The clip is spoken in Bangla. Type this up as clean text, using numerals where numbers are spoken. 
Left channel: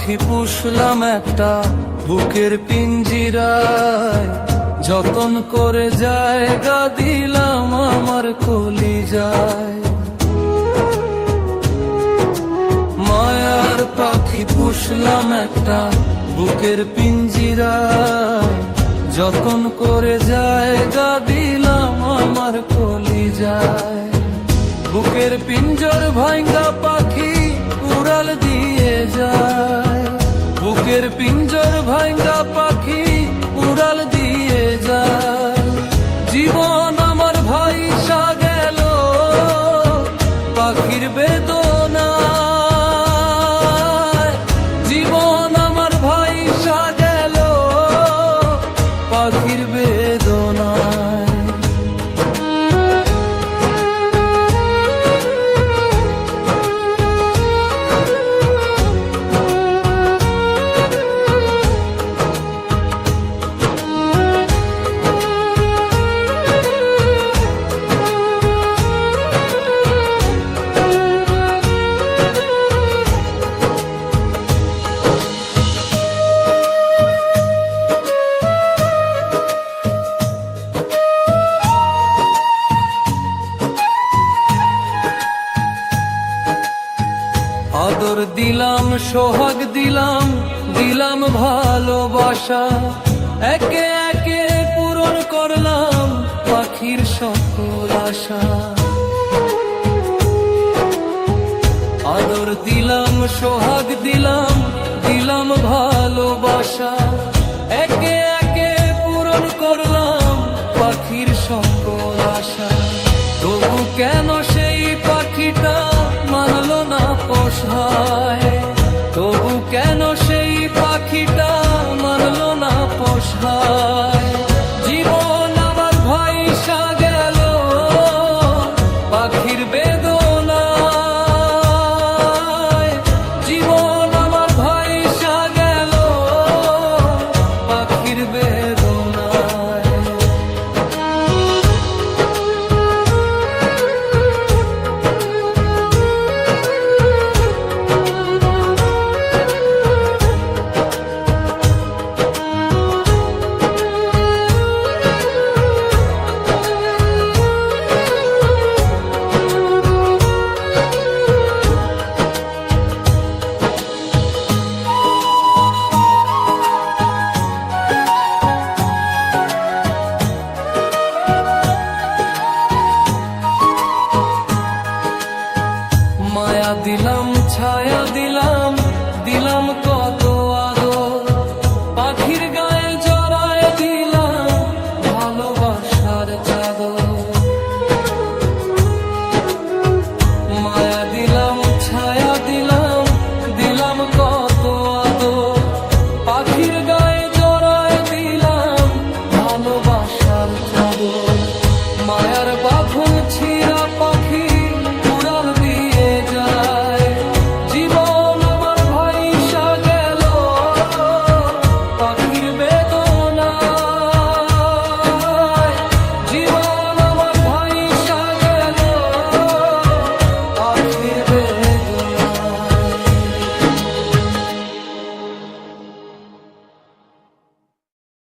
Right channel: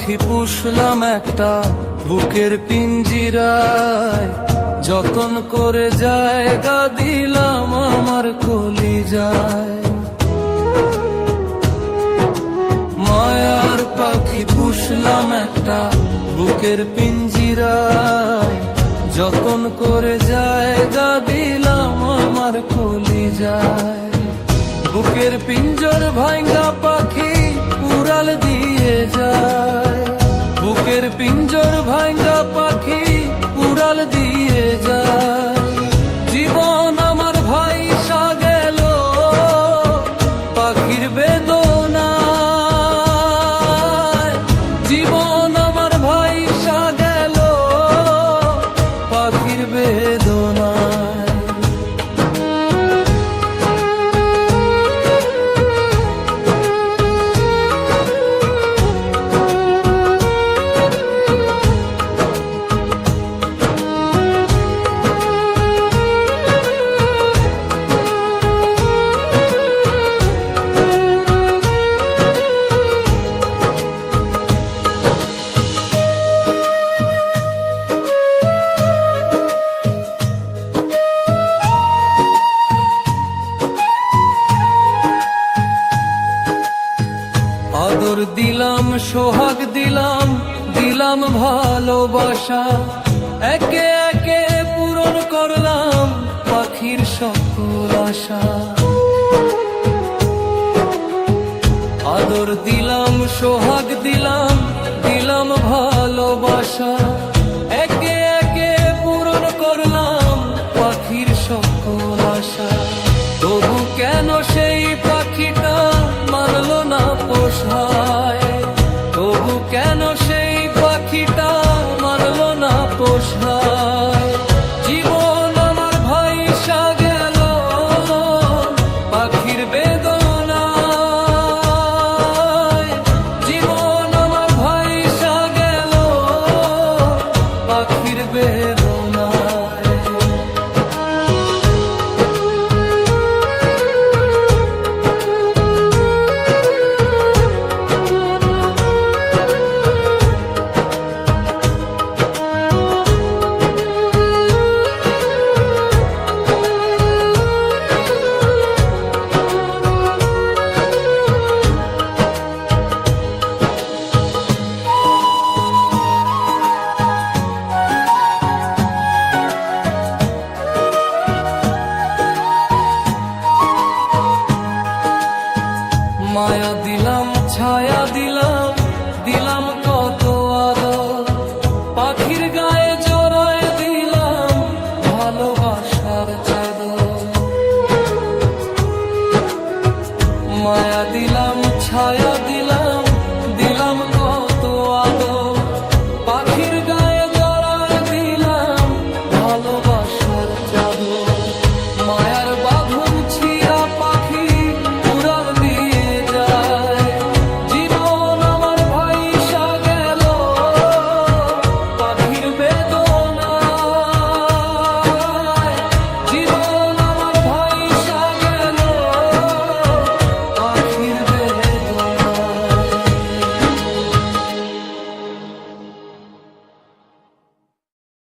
পাখি পুষলাম একটা বুকের পিঞ্জিরায়, যতন করে জায়গা দিলাম আমার কলিজায়। মায়ার পাখি পুষলাম একটা বুকের পিঞ্জিরায়, যতন করে জায়গা দিলাম আমার কলিজায়। বুকের পিঞ্জর ভাঙ্গা পাখি উড়াল দিয়ে যায়, বুকের পিঞ্জর ভাঙ্গা পাখি উড়াল দিয়ে যায়। জীবন আমার ভাইসা গেল পাখির বেদনায়, জীবন আমার ভাইসা গেল পাখির বেদনায়। আদর দিলাম, সোহাগ দিলাম, দিলাম ভালোবাসা, একে একে পূরণ করলাম পাখির সকল আশা। আদর দিলাম, সোহাগ দিলাম, দিলাম ভালোবাসা, একে একে পূরণ করলাম পাখির সকল আশা। তবু কেন সেই পাখিটা মানলো না পোষায়, তবু কেন সেই পাখিটা মানলো না পোষায়। জীবন আমার ভাইসা গেল পাখির বেদনায়, জীবন আমার ভাইসা গেল পাখির বেদনায়। মায়া দিলাম, ছায়া দিলাম, দিলাম কত আদর, পাখির গায়ে জড়ায় দিলাম ভালোবাসার চাদর। মায়া দিলাম, ছায়া দিলাম, দিলাম কত আদর, পাখির গায়ে জড়ায় দিলাম ভালোবাসার চাদর। মায়ার বাঁধন ছিঁড়া পাখি উড়াল দিয়ে যায়, জীবন আমার ভাইসা গেল পাখির বেদনায়, জীবন আমার ভাইসা গেল পাখির বেদনায়।